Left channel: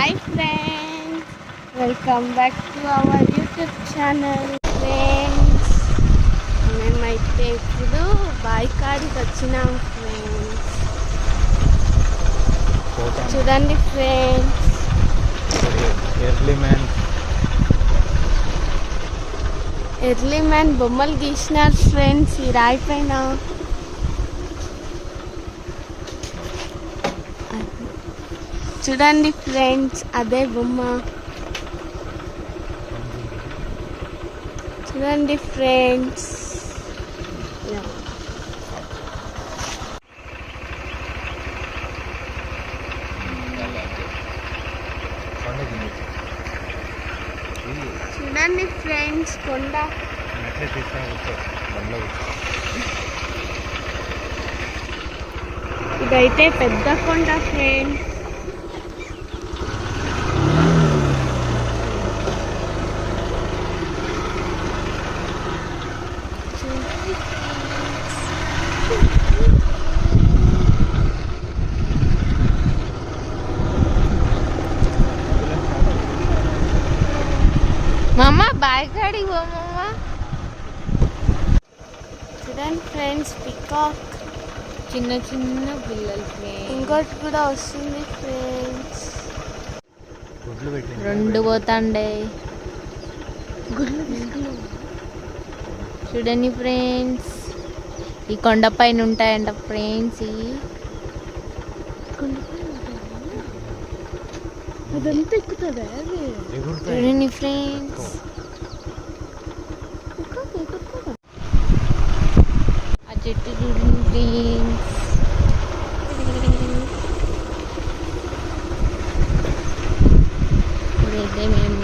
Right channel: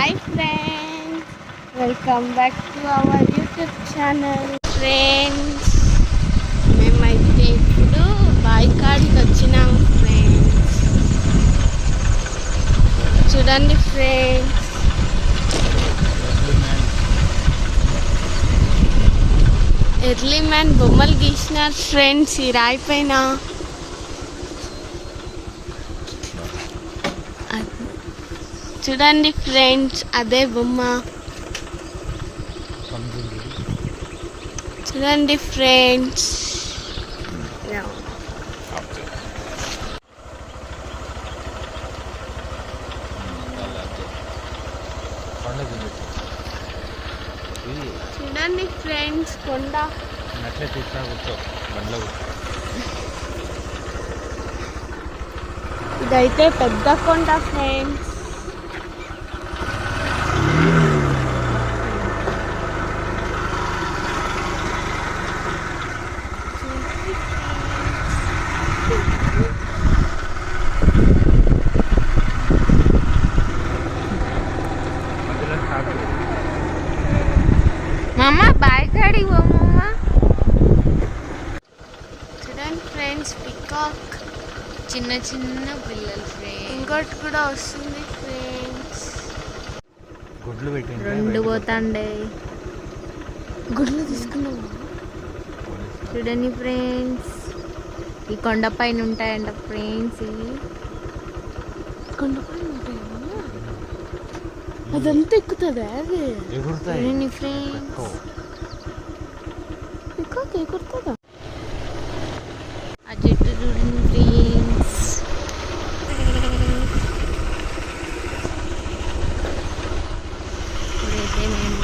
Hi friends, welcome back to our YouTube channel. Friends, మేమైతే ఇప్పుడు బావి కాడికి వచ్చినాము ఫ్రెండ్స్. చూడండి ఫ్రెండ్స్, ఎర్లీ మ్యాన్ బొమ్మలు గీసినారు ఫ్రెండ్స్ ఈ రాయి పైన. చూడండి ఫ్రెండ్స్, అదే బొమ్మ. చూడండి ఫ్రెండ్స్, చూడండి ఫ్రెండ్స్ కొండ. ఇదైతే పెద్ద కొండ ఫ్రెండ్స్. మామ బాయ్ కాడికి పోమమ్మ. చూడండి ఫ్రెండ్స్, పికాక్. చిన్న చిన్న పిల్లలు ఫ్రెండ్స్. ఇంకోటి కూడా వస్తుంది ఫ్రెండ్స్. రెండు పోతాండే గుడ్లు తీసుకున్నాం. చూడండి ఫ్రెండ్స్, ఈ కొండపైన ఉంటాయంట ఫ్రెండ్స్. అదంతా ఎక్కుతుందా? చూడండి ఫ్రెండ్స్, ఆ చెట్టు చూడండి ఫ్రెండ్స్. ఇదైతే మేము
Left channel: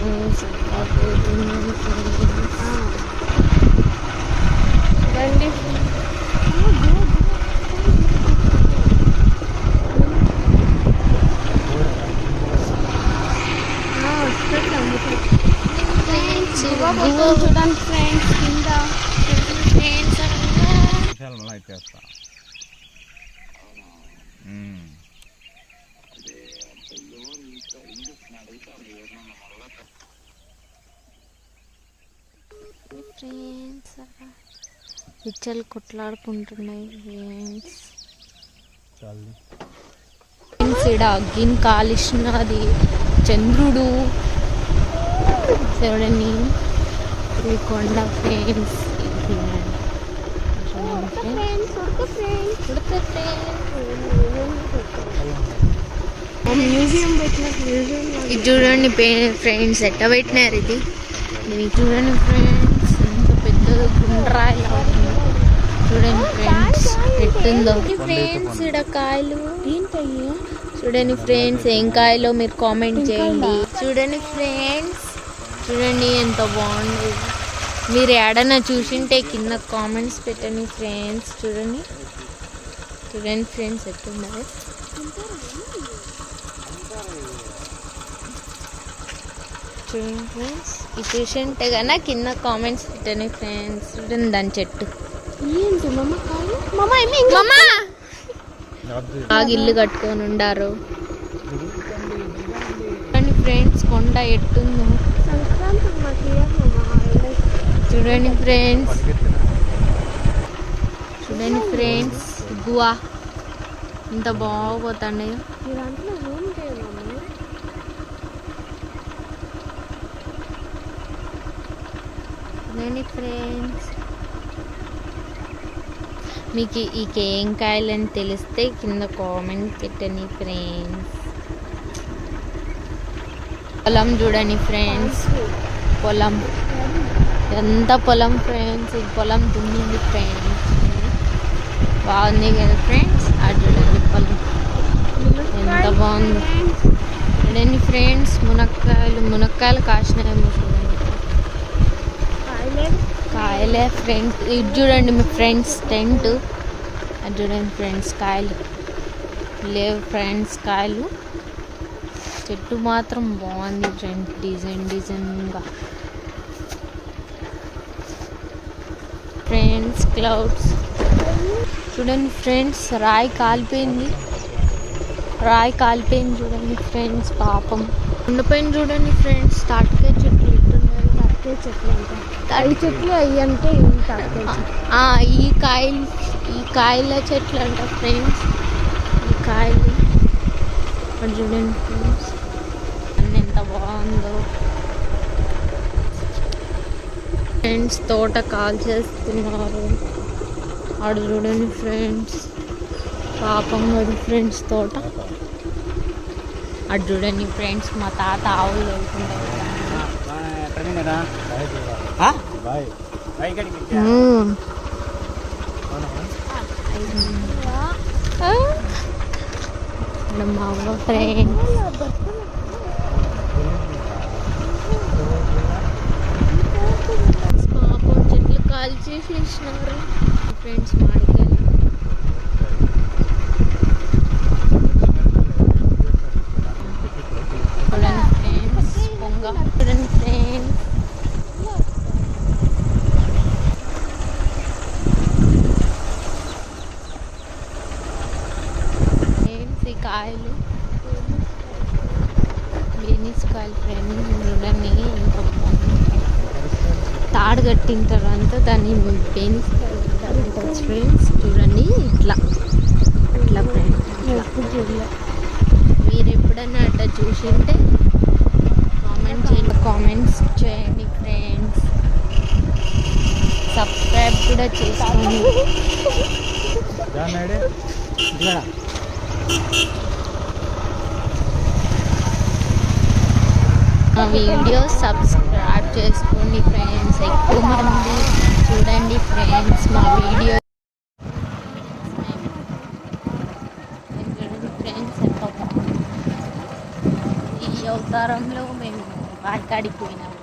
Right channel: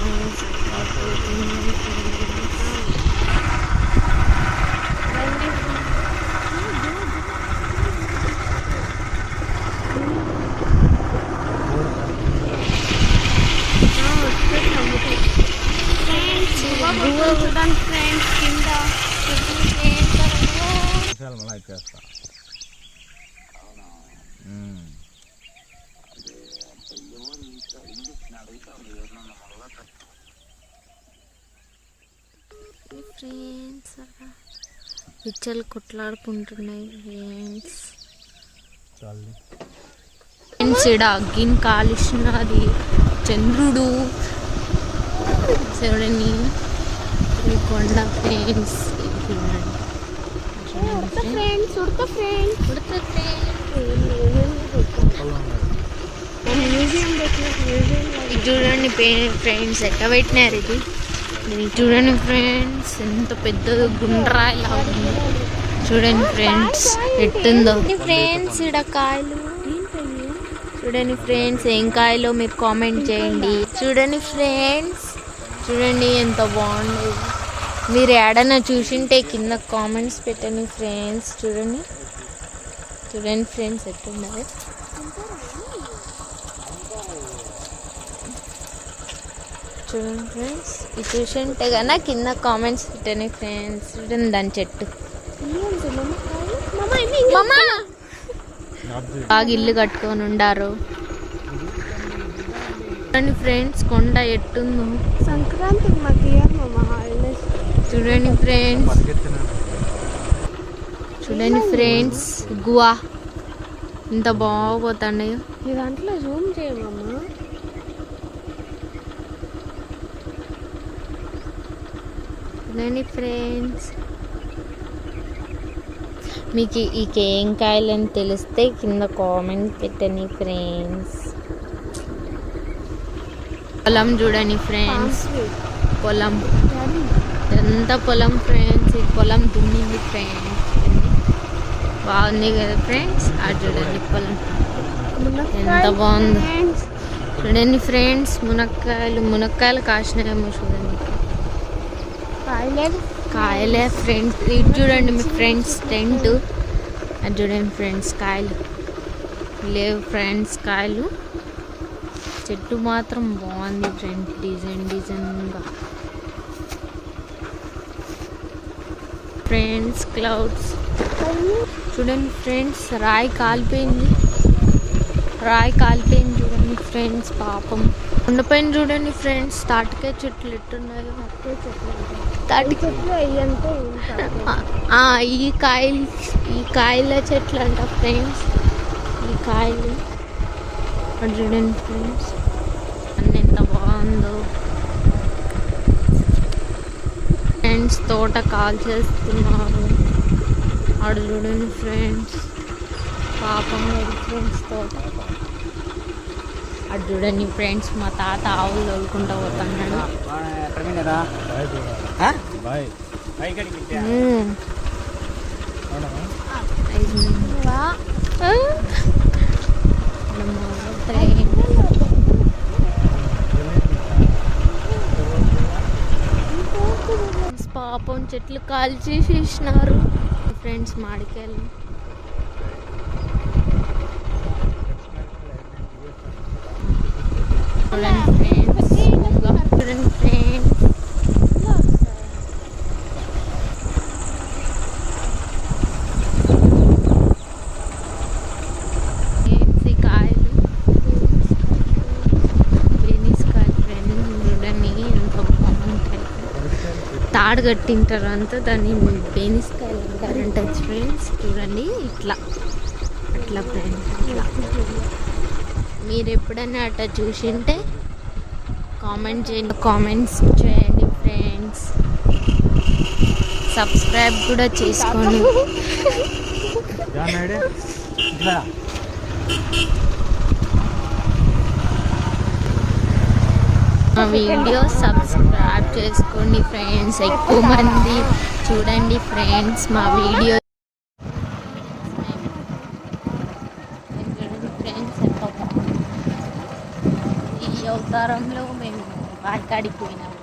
చూడండి ఫ్రెండ్స్ కింద. ఫ్రెండ్స్, పిచ్చలు కొట్లాడుకుంటున్నాయి ఫ్రెండ్స్. ఫ్రెండ్స్, ఇక్కడ అగ్గిని కాలిస్తున్నది చంద్రుడు. చూడండి ఈ కొండ ఫ్రెండ్స్. ఇది చూడండి ఫ్రెండ్స్, ఎట్ట పెట్టినారు ఇది. చూడండి ఫ్రెండ్స్, ఎంత పెద్ద గుండ్రాయిలా ఉంది. చూడండి ఫ్రెండ్స్ ఎట్టుందో. ఫ్రెండ్స్, ఇక్కడ కాయలు చూడండి ఫ్రెండ్స్. ఏం కాయలో మీరు కామెంట్ చేయండి. చూడండి ఫ్రెండ్స్, చూడండి ఎంత బాగుంది. మీరు ఏడన్నా చూసింటే కింద కామెంట్స్ పెట్టండి ఫ్రెండ్స్. చూడండి చూడండి ఫ్రెండ్స్ ఎట్లున్నది. చూడండి ఫ్రెండ్స్, ఇది చూసింటే కన్నా కింద కామెంట్స్ పెట్టండి ఫ్రెండ్స్. చూడండి దాని చెట్టు. బాగా ఇల్లు కట్టుకొని ఉండారు. చూడండి ఫ్రెండ్స్, కొండ ఎట్టుందో. చూడండి ఫ్రెండ్స్, చూడండి ఫ్రెండ్స్, గువా ఇంత బాగోతాండే. చూడండి ఫ్రెండ్స్, మీకు ఈ ఏం కాయలని తెలిస్తే కింద కామెంట్ పెట్టండి ఫ్రెండ్స్. పొలం చూడండి ఫ్రెండ్స్, పొలం ఎంత పొలం ఫ్రెండ్స్. ఈ పొలం దున్నింది ఫ్రెండ్స్, బాగుంది కదా ఫ్రెండ్స్. అది చూడండి పొలం ఎంత బాగుంది. చూడండి ఫ్రెండ్స్, మునక్కాయలు కాసినాయేమో చూడండి. కాయలే ఫ్రెండ్స్. ఇది చూడండి మీ ఫ్రెండ్స్ టెంట్. అది చూడండి ఫ్రెండ్స్, కాయలు లేవు ఫ్రెండ్స్. కాయలు చెట్టు మాత్రం బాగుంది ఫ్రెండ్స్, డిజైన్గా. ఫ్రెండ్స్, క్లౌడ్స్ చూడండి ఫ్రెండ్స్. రాయి కాలిపోయింది. రాయి కాలిపోయింది చూడండి ఫ్రెండ్స్, పాపం. ఉండిపోయింది చూడండి ఫ్రెండ్స్. తాటికాయ చెట్లు ఎట్టున్నారు. తాటికాయ చెట్లు తాటి చెట్లు అవి అంటే ఈ కాయల చెట్లు అంట ఫ్రెండ్స్. ఈ కాయలు చూడండి ఫ్రెండ్స్, అన్నీ ఎంత బాగుందో ఫ్రెండ్స్. తోట కాల్ చేస్తున్నారు ఆడు చూడండి ఫ్రెండ్స్, పాపం కదా ఫ్రెండ్స్ తోట. అటు చూడండి ఫ్రెండ్స్, మా తాత ఆవులు తోలుకుంటూ పోతున్నాడు. మా అవ్వ ఫ్రెండ్స్, పాపం చెట్లు కాల్చేసేసినారు ఫ్రెండ్స్. మాడికాయలు చూడండి ఫ్రెండ్స్, పొంగ చూడండి ఫ్రెండ్స్. ఈ కాయలు బేనిస్కాయలు ఫ్రెండ్స్. చూడండి ఎంత బాగుంటాయి. తాడు కట్టింటారు అంతా, దాన్ని బేనిస్కాయలు అంటారంట ఫ్రెండ్స్. చూడండి ఇట్లా అట్లా ఫ్రెండ్స్. ఇట్లా మీరు ఎప్పుడైనా అట్లా చూసింటే కామెంట్స్ చేయండి ఫ్రెండ్స్. సబ్స్క్రైబ్ కూడా చేసుకోండి. మా వీడియో సబ్స్క్రైబ్ చేసుకోండి ఫ్రెండ్స్. ఎక్కువ మంది చూడండి ఫ్రెండ్స్ మా వీడియో ఫ్రెండ్స్. ఈ అవతారంలో మేము వాడికాడికి పోయినాము.